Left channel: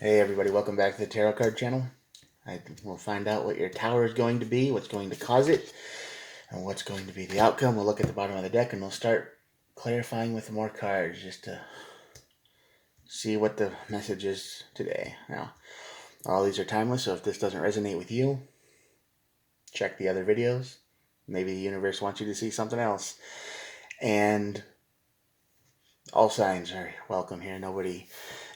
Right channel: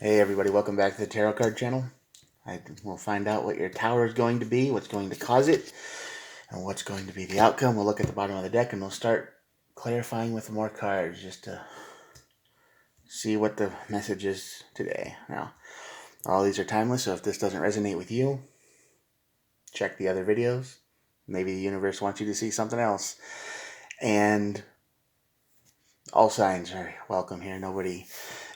Hey everybody, welcome back to the Tarot Card Channel. We'll find out what your tower is going to be, what's going to cause it, and what's going to be the outcome. We'll look at the bottom of the deck and we'll start clarifying with more cards just to see what the message is today. Now, all these are timeless, so if this doesn't resonate with you, check the other videos. Maybe the universe wants you to see something else. And all signs are welcome here. Nobody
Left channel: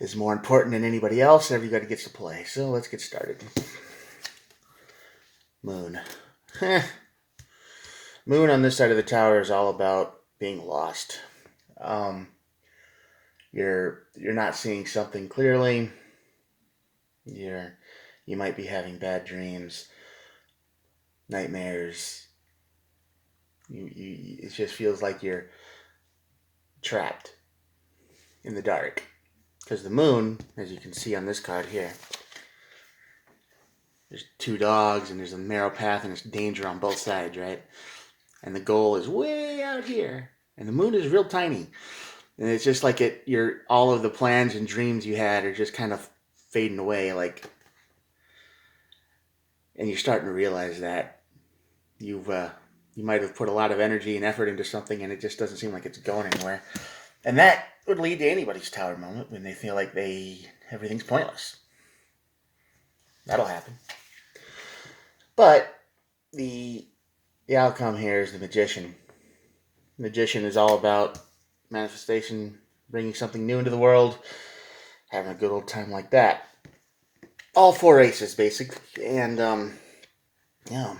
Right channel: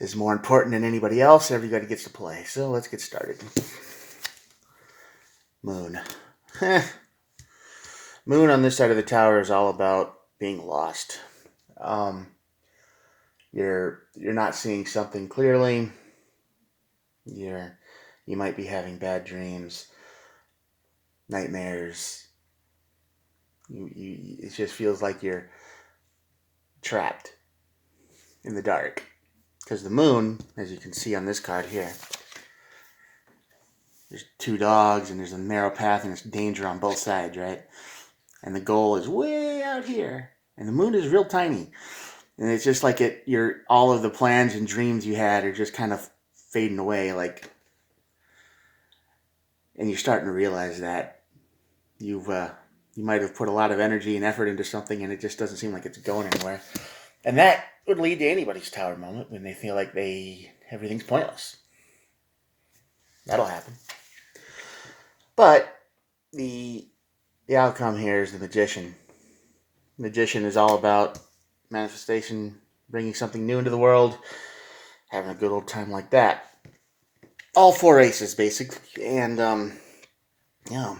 is more important than anybody else. Everybody gets to play. So let's get started. Moon. Moon on this side of the tower is all about being lost. Um, you're not seeing something clearly. You might be having bad dreams, nightmares. It just feels like you're trapped in the dark. Because the moon, as you can see on this card here, there's two dogs and there's a narrow path and there's danger on both sides, right? And the goal is way out here. And the moon is real tiny. And it's just like all of the plans and dreams you had are just kind of fading away, and you're starting to realize that you might have put a lot of energy and effort into something and it just doesn't seem like it's going anywhere. And that would lead to anybody's tower moment when they feel like everything's pointless. That'll happen. But the outcome here is the Magician. Magician is all about manifestation, bringing something new into the world, having a good old time like that. All four aces, basically. And, yeah.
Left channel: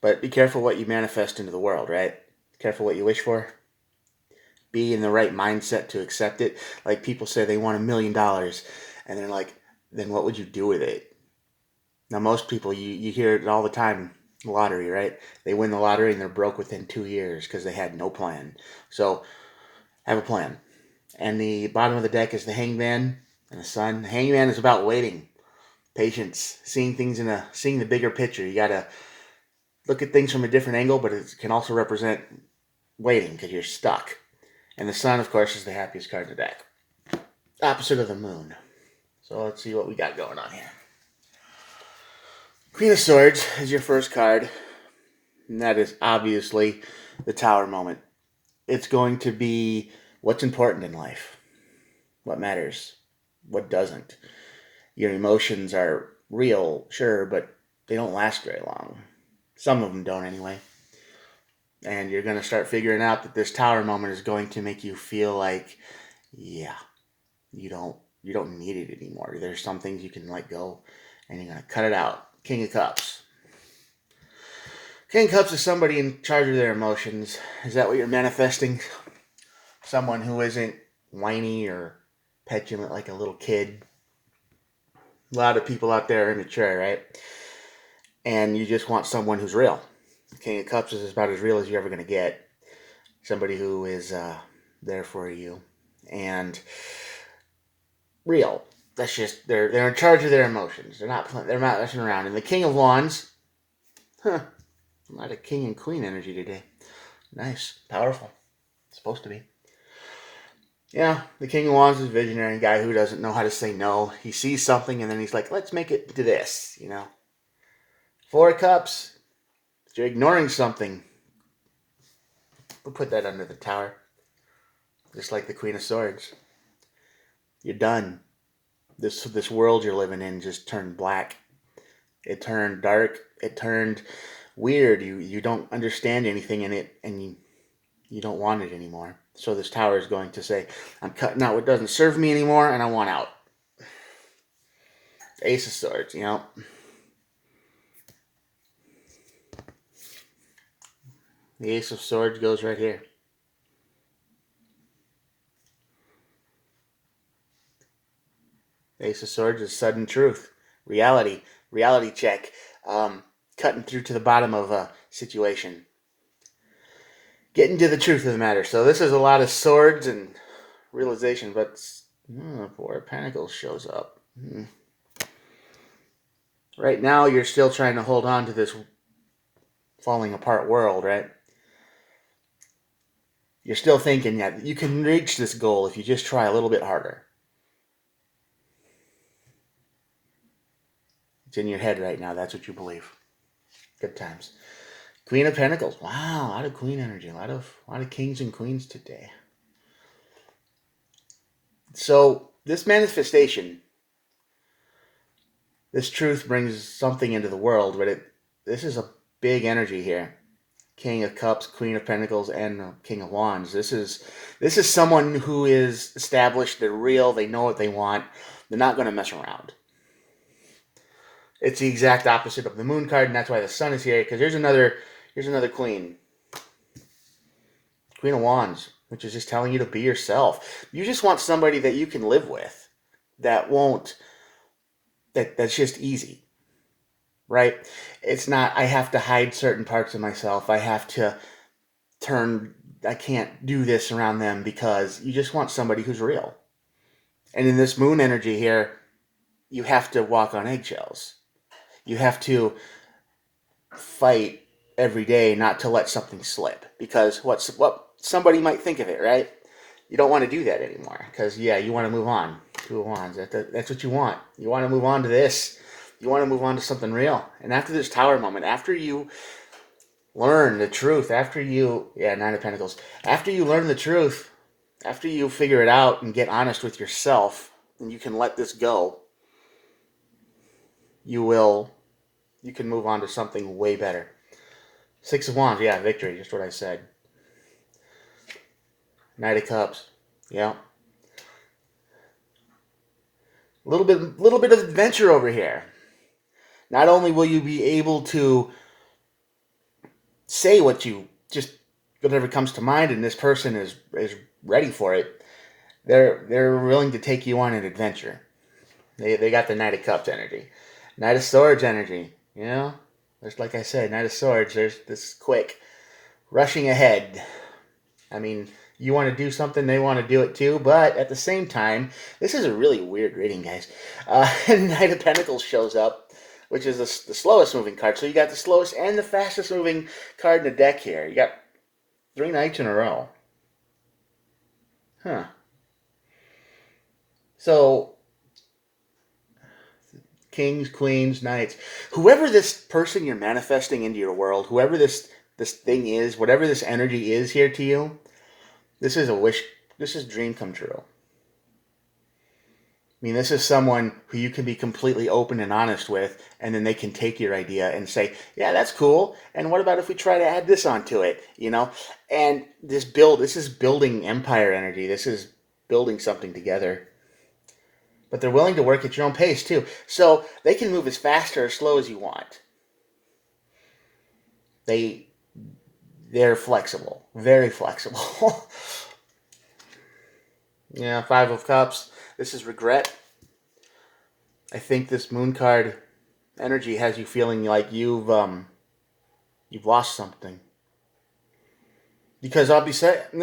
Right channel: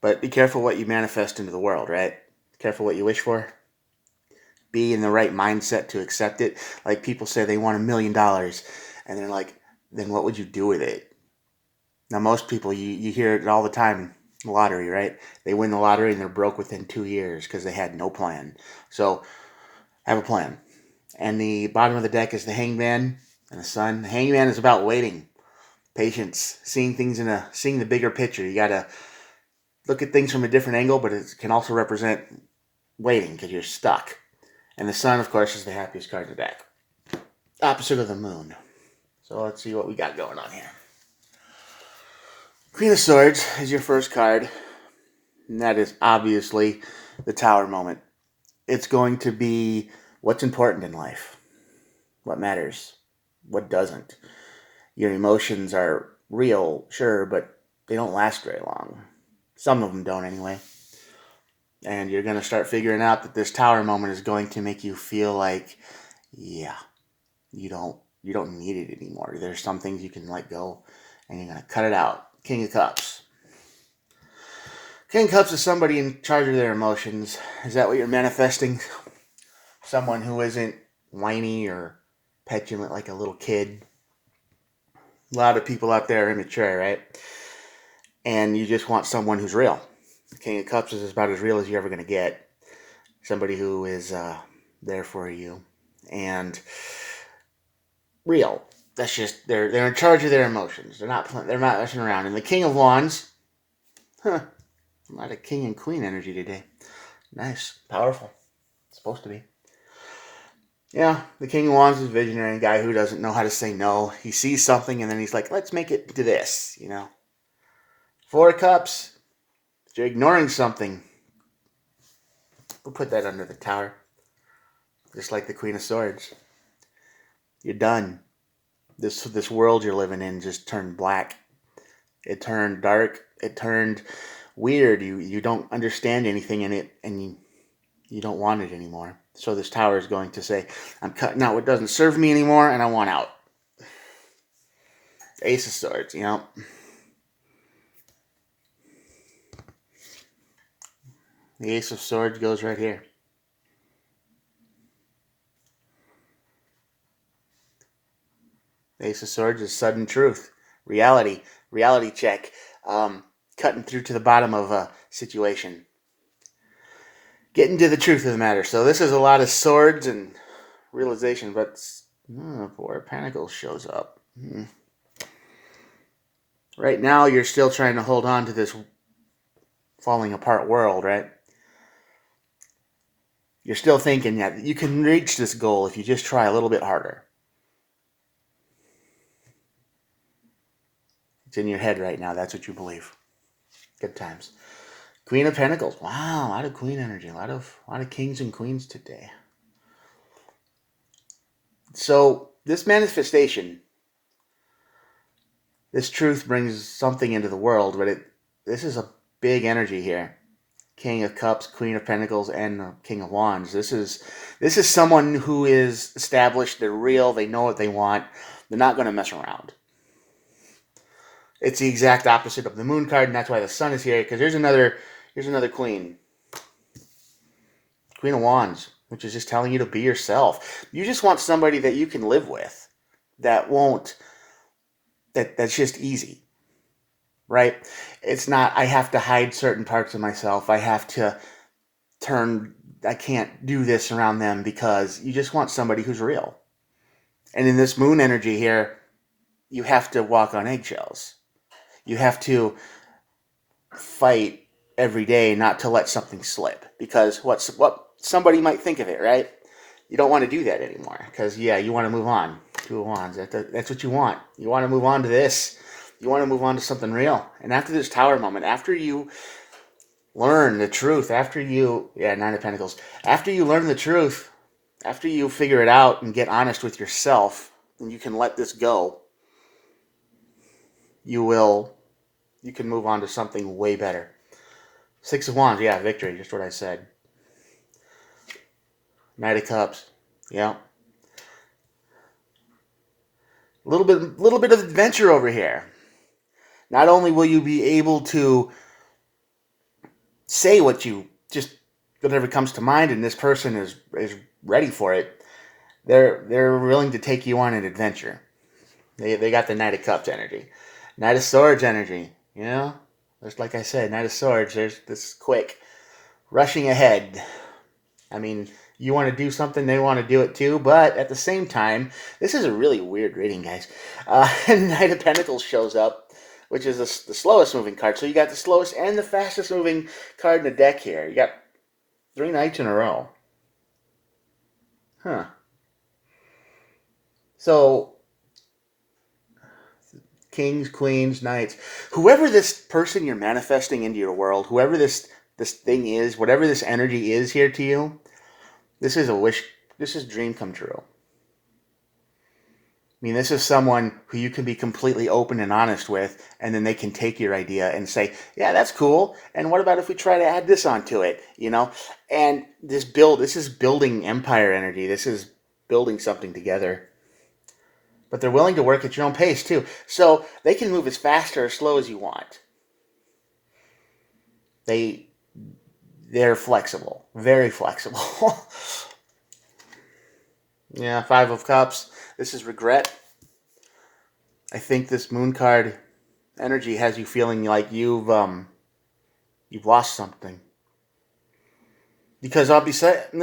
But be careful what you manifest into the world, right? Careful what you wish for. Be in the right mindset to accept it. Like people say they want $1 million, and they're like, then what would you do with it? Now, most people, you hear it all the time, lottery, right? They win the lottery and they're broke within 2 years because they had no plan. So, have a plan. And the bottom of the deck is the Hangman and the Sun. The Hangman is about waiting, patience, seeing the bigger picture. You gotta look at things from a different angle, but it can also represent waiting because you're stuck. And the Sun, of course, is the happiest card in the deck. Opposite of the Moon. So let's see what we got going on here. Queen of Swords is your first card, and that is obviously the Tower moment. It's going to be what's important in life, what matters, what doesn't. Your emotions are real, sure, but they don't last very long. Some of them don't anyway. And you're going to start figuring out that this tower moment is going to make you feel like, yeah, you don't need it anymore. There's some things you can let go, and you're going to cut it out. King of Cups. King of Cups is somebody in charge of their emotions. Is that what you're manifesting? Someone who isn't whiny or petulant like a little kid. A lot of people out there are immature, right? And you just want someone who's real. King of Cups is about as real as you're ever going to get. Somebody who is there for you and real. That's just they're in charge of their emotions. They're not messing around. And the King of Wands, a lot of King and Queen energy today. Nice, powerful. It's supposed to be. Yeah, the King of Wands is a visionary guy who doesn't know how to say no. He sees something and then he's like, let's make it to this, Four of Cups, you're ignoring something. We'll put that under the tower. Just like the Queen of Swords. You're done. This world you're living in just turned black. It turned dark. It turned weird. You don't understand anything in it, and you don't want it anymore. So this tower is going to say, I'm cutting out what doesn't serve me anymore, and I want out. Ace of Swords, The Ace of Swords goes right here. The Ace of Swords is sudden truth, reality check, cutting through to the bottom of a situation, getting to the truth of the matter. So this is a lot of swords and realization, but Four of Pentacles shows up. Right now, you're still trying to hold on to this falling apart world, right? You're still thinking that you can reach this goal if you just try a little bit harder. It's in your head right now. That's what you believe. Good times. Queen of Pentacles. Wow, a lot of queen energy. A lot of kings and queens today. So this manifestation, this truth brings something into the world, but this is a big energy here. King of Cups, Queen of Pentacles, and King of Wands. This is someone who is established. They're real. They know what they want. They're not going to mess around. It's the exact opposite of the Moon card, and that's why the Sun is here. Because here's another Queen, Queen of Wands, which is just telling you to be yourself. You just want somebody that you can live with, that's just easy. Right? It's not, I have to hide certain parts of myself. I can't do this around them, because you just want somebody who's real. And in this moon energy here, you have to walk on eggshells. You have to fight every day not to let something slip, because what somebody might think of it, right? You don't want to do that anymore, because you want to move on. Two of Wands, that's what you want. You want to move on to this. You want to move on to something real. And after this Tower moment, after you learn the truth, Nine of Pentacles, after you learn the truth, after you figure it out and get honest with yourself, and you can let this go, you can move on to something way better. Six of Wands, victory, just what I said. Knight of Cups, yeah. A little bit of adventure over here. Not only will you be able to say whatever comes to mind, and this person is ready for it, they're willing to take you on an adventure. They got the Knight of Cups energy. Knight of Swords energy, There's, like I said, Knight of Swords, there's this quick, rushing ahead. I mean, you want to do something, they want to do it too, but at the same time, this is a really weird reading, guys. Knight of Pentacles shows up, which is the slowest moving card. So you got the slowest and the fastest moving card in the deck here. You got 3 nights in a row. Huh. So, kings, queens, knights. Whoever this person you're manifesting into your world, whoever this thing is, whatever this energy is here to you, this is a wish, this is a dream come true. I mean, this is someone who you can be completely open and honest with, and then they can take your idea and say, yeah, that's cool, and what about if we try to add this onto it, And this is building empire energy. This is building something together. But they're willing to work at your own pace, too. So they can move as fast or as slow as you want. They're flexible. Very flexible. Yeah, 5 of Cups. This is regret. I think this Moon card energy has you feeling like you've lost something. Because on this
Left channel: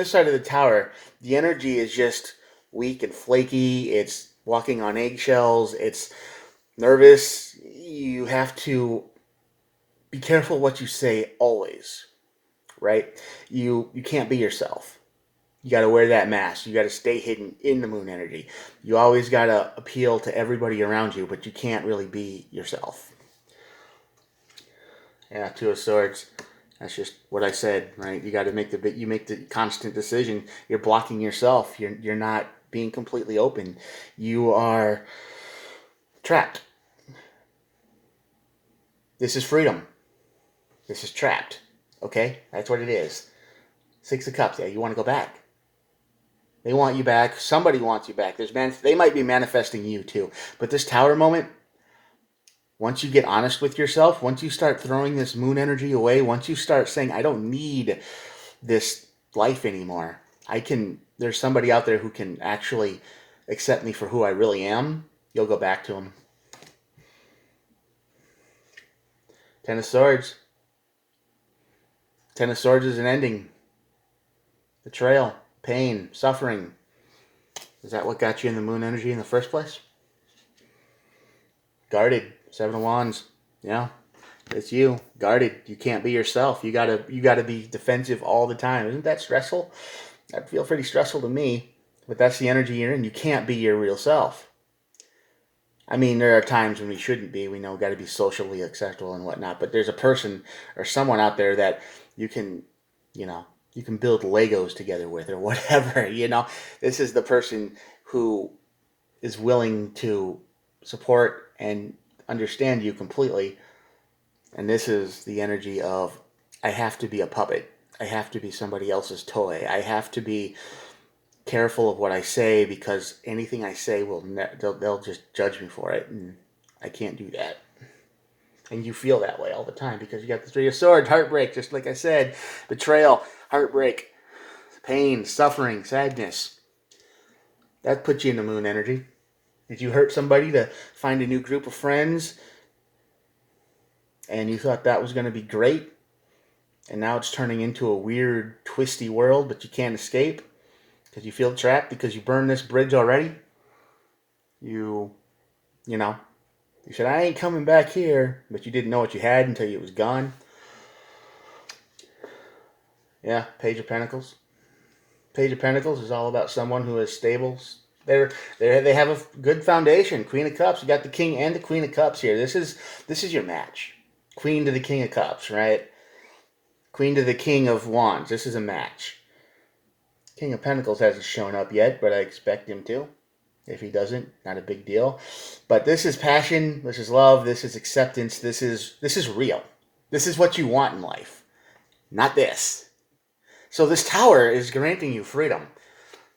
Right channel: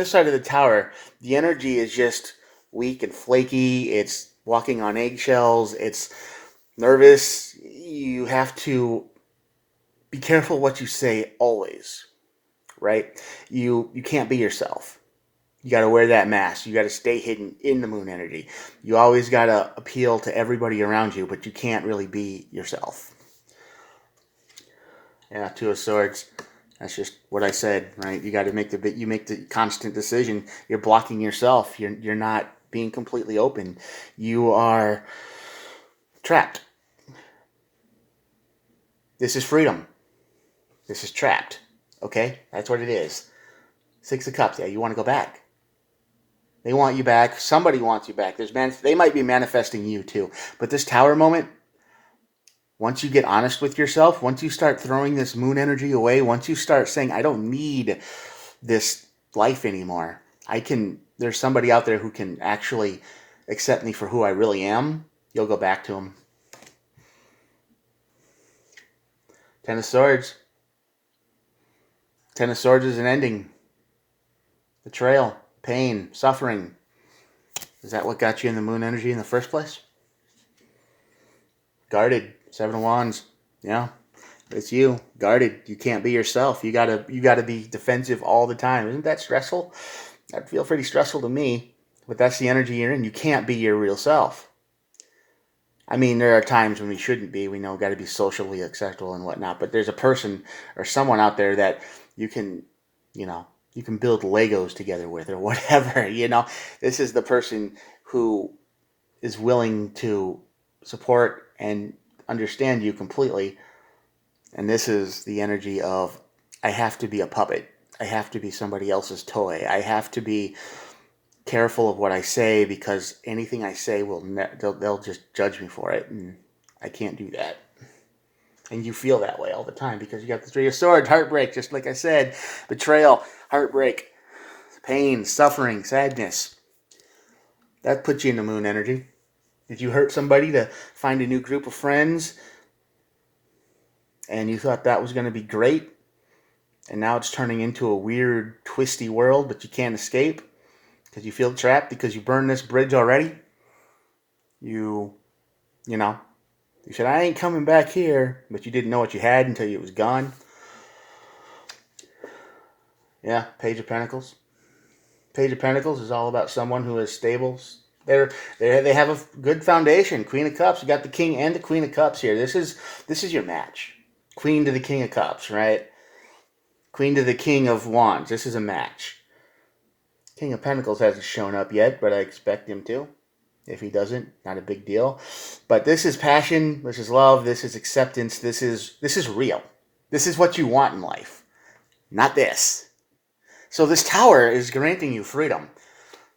side of the Tower, the energy is just weak and flaky. It's walking on eggshells. It's nervous. You have to be careful what you say always, right? You can't be yourself. You got to wear that mask. You got to stay hidden in the moon energy. You always got to appeal to everybody around you, but you can't really be yourself. Yeah, 2 of Swords. That's just what I said, right? You got to make the constant decision. You're blocking yourself. You're not being completely open. You are trapped. This is freedom. This is trapped. Okay? That's what it is. 6 of Cups. Yeah, you want to go back. They want you back. Somebody wants you back. They might be manifesting you too. But this Tower moment, once you get honest with yourself, once you start throwing this moon energy away, once you start saying, I don't need this life anymore. There's somebody out there who can actually accept me for who I really am. You'll go back to him. 10 of Swords. 10 of Swords is an ending. Betrayal. Pain, suffering. Is that what got you in the moon energy in the first place? Guarded. 7 of Wands. Yeah. It's you. Guarded. You can't be yourself. You gotta be defensive all the time. Isn't that stressful? That'd feel pretty stressful to me. But that's the energy you're in. You can't be your real self. I mean, there are times when we shouldn't be. We know got to be socially acceptable and whatnot. But there's a person or someone out there that you can, you know, you can build Legos together with or whatever. This is the person who is willing to support and understand you completely. And this is the energy of I have to be a puppet. I have to be somebody else's toy. I have to be careful of what I say because anything I say they'll just judge me for it, and I can't do that. And you feel that way all the time because you got the Three of Swords, heartbreak, just like I said, betrayal, heartbreak, pain, suffering, sadness. That puts you in the moon energy. Did you hurt somebody to find a new group of friends and you thought that was going to be great? And now it's turning into a weird, twisty world, but you can't escape because you feel trapped because you burned this bridge already. You said, I ain't coming back here, but you didn't know what you had until it was gone. Yeah, Page of Pentacles. Page of Pentacles is all about someone who is stable. They have a good foundation. Queen of Cups. You got the King and the Queen of Cups here. This is your match. Queen to the King of Cups, right? Queen to the King of Wands. This is a match. King of Pentacles hasn't shown up yet, but I expect him to. If he doesn't, not a big deal. But this is passion. This is love. This is acceptance. This is real. This is what you want in life. Not this. So this tower is granting you freedom.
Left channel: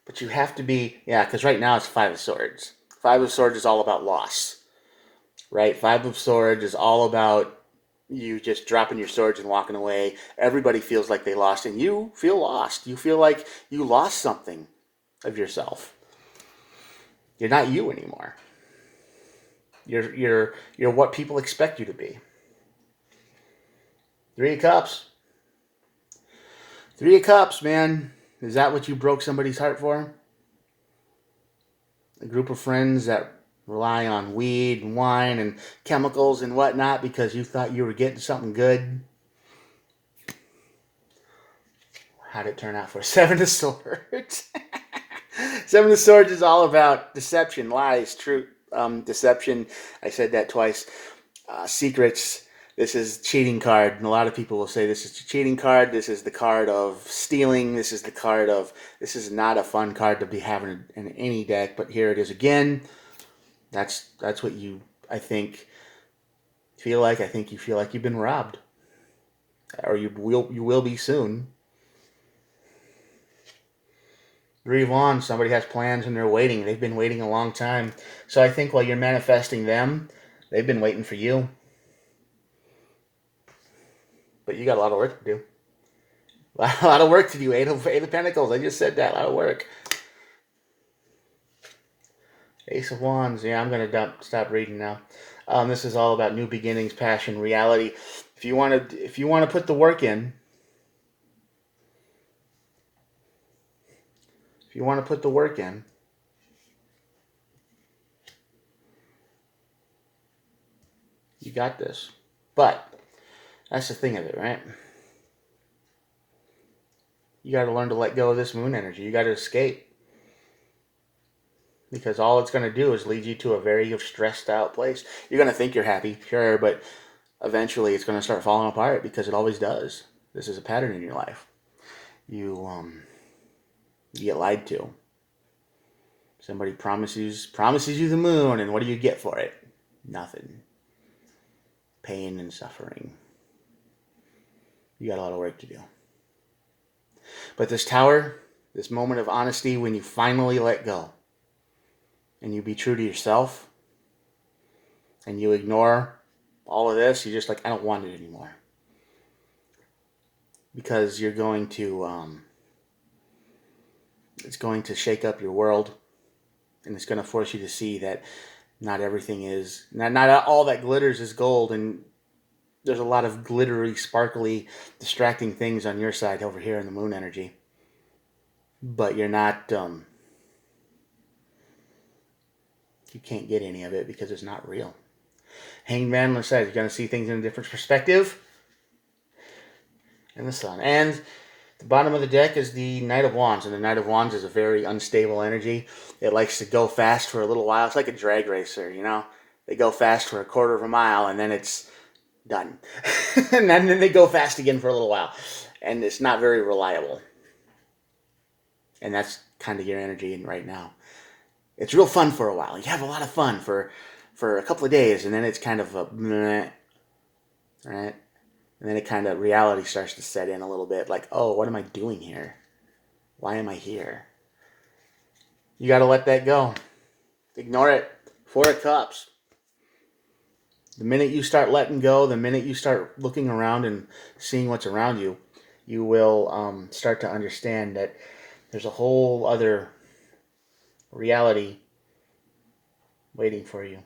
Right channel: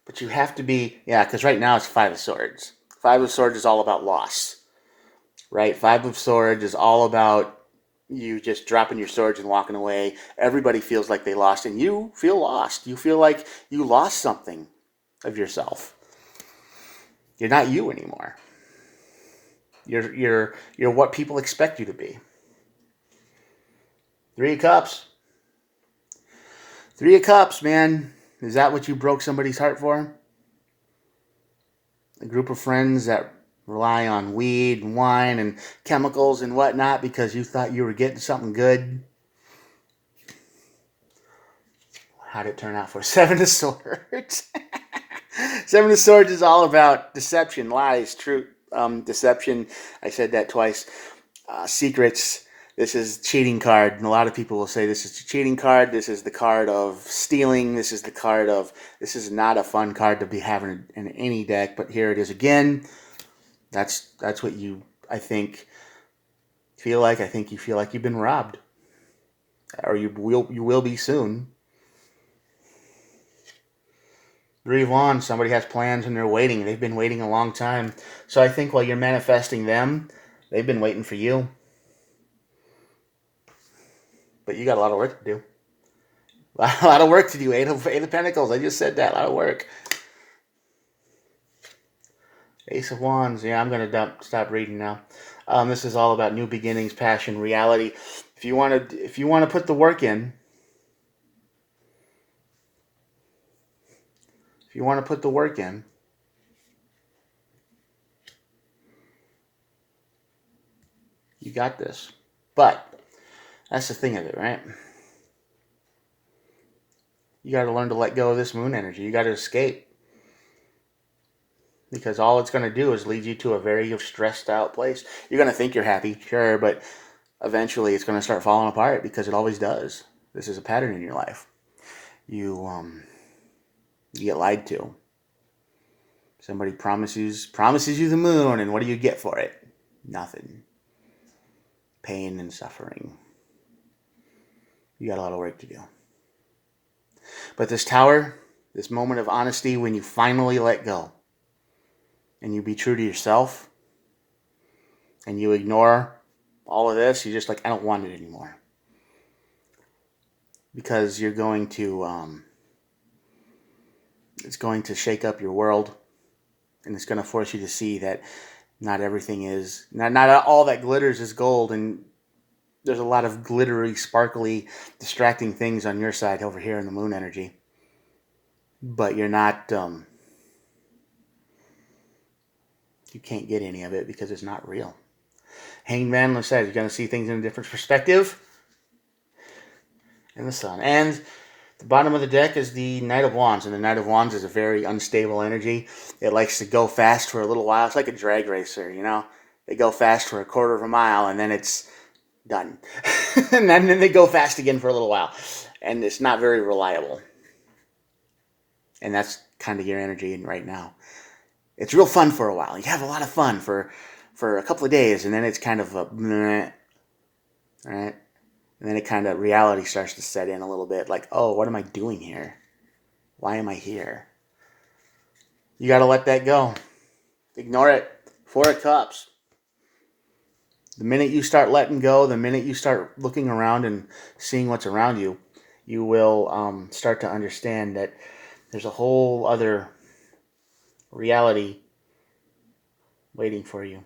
But you have to be, because right now it's Five of Swords. Five of Swords is all about loss. Right? Five of Swords is all about you just dropping your swords and walking away. Everybody feels like they lost, and you feel lost. You feel like you lost something of yourself. You're not you anymore. You're what people expect you to be. Three of Cups. Three of Cups, man. Is that what you broke somebody's heart for? A group of friends that rely on weed and wine and chemicals and whatnot because you thought you were getting something good. How'd it turn out for Seven of Swords? Seven of Swords is all about deception, lies, truth, deception. I said that twice. Secrets. This is cheating card, and a lot of people will say this is a cheating card. This is the card of stealing. This is the card of, this is not a fun card to be having in any deck, but here it is again. That's what you, I think, feel like. I think you feel like you've been robbed, or you will be soon. Three of Wands, somebody has plans and they're waiting. They've been waiting a long time. So I think while you're manifesting them, they've been waiting for you. But you got a lot of work to do. A lot of work to do. Eight of Pentacles. I just said that. A lot of work. Ace of Wands. Yeah, I'm going to stop reading now. This is all about new beginnings, passion, reality. If you want to put the work in, you got this. But that's the thing of it, right? You got to learn to let go of this moon energy. You got to escape. Because all it's going to do is lead you to a very stressed out place. You're going to think you're happy, sure, but eventually it's going to start falling apart because it always does. This is a pattern in your life. You get lied to. Somebody promises you the moon, and what do you get for it? Nothing. Pain and suffering. You got a lot of work to do. But this tower, this moment of honesty when you finally let go and you be true to yourself and you ignore all of this, you're just like, I don't want it anymore. Because you're going to, it's going to shake up your world, and it's going to force you to see that not everything is, not all that glitters is gold, and there's a lot of glittery, sparkly, distracting things on your side over here in the moon energy. But you're not, you can't get any of it because it's not real. Hanged Man, like I said, you're going to see things in a different perspective. And the Sun. And the bottom of the deck is the Knight of Wands. And the Knight of Wands is a very unstable energy. It likes to go fast for a little while. It's like a drag racer, you know. They go fast for a quarter of a mile, and then it's done. And then they go fast again for a little while. And it's not very reliable. And that's kind of your energy right now. It's real fun for a while. You have a lot of fun for a couple of days, and then it's kind of a meh, right? And then it kind of, reality starts to set in a little bit. Like, oh, what am I doing here? Why am I here? You got to let that go. Ignore it. Four of Cups. The minute you start letting go, the minute you start looking around and seeing what's around you, you will start to understand that there's a whole other reality waiting for you.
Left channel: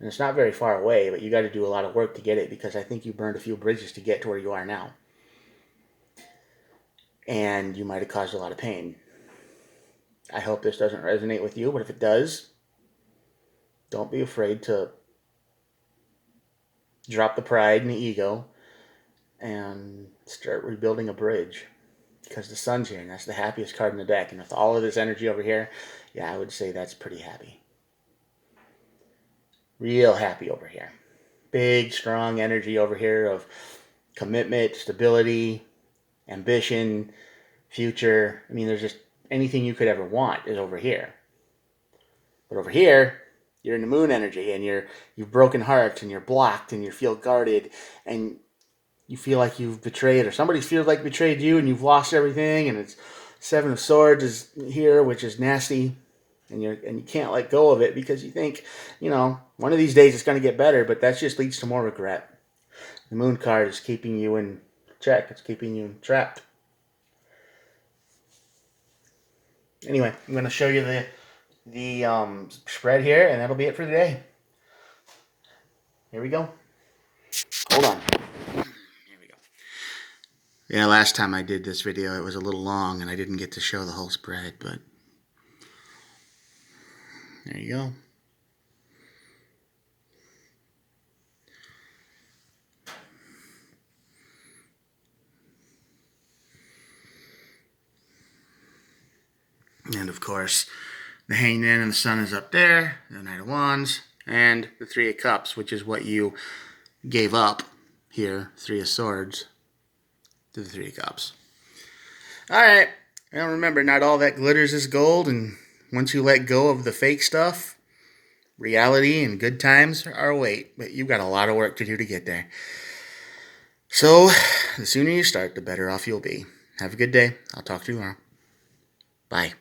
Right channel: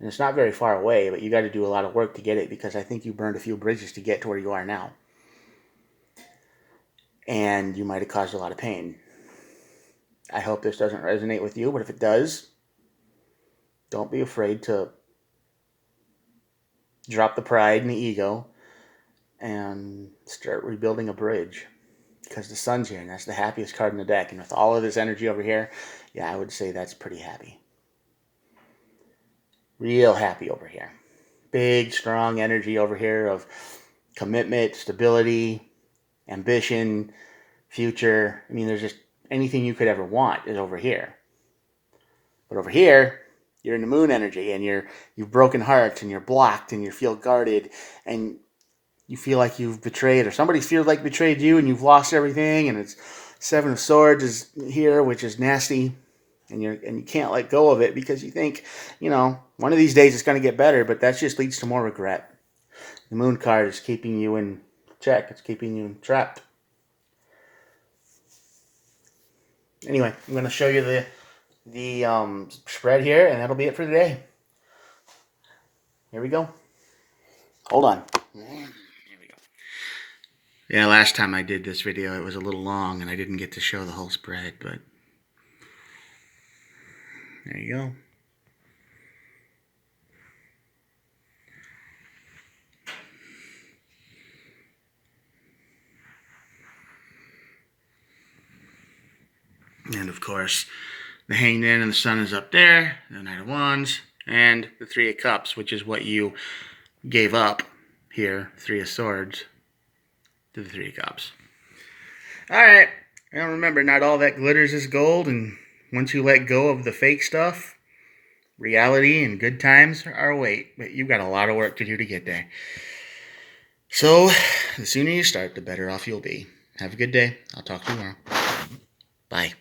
And it's not very far away, but you got to do a lot of work to get it, because I think you burned a few bridges to get to where you are now. And you might have caused a lot of pain. I hope this doesn't resonate with you, but if it does, don't be afraid to drop the pride and the ego and start rebuilding a bridge, because the sun's here, and that's the happiest card in the deck. And with all of this energy over here, yeah, I would say that's pretty happy. Real happy over here. Big, strong energy over here of commitment, stability, ambition, future. I mean, there's just anything you could ever want is over here. But over here, you're in the moon energy, and you've broken hearts, and you're blocked, and you feel guarded, and you feel like you've betrayed, or somebody feels like betrayed you, and you've lost everything, and it's Seven of Swords is here, which is nasty, and you can't let go of it because you think, one of these days it's going to get better, but that just leads to more regret. The Moon card is keeping you in check. It's keeping you trapped. Anyway, I'm going to show you the spread here, and that'll be it for today. Here we go. Hold on. Here we go. Yeah, last time I did this video, it was a little long, and I didn't get to show the whole spread, but there you go. And of course, the Hanged Man and the Sun is up there, the Knight of Wands, and the Three of Cups, which is what you gave up here, Three of Swords, to the Three of Cups. Alright, now remember, not all that glitters is gold, and once you let go of the fake stuff, reality and good times are await, but you've got a lot of work to do to get there. So, the sooner you start, the better off you'll be. Have a good day. I'll talk to you tomorrow. Bye.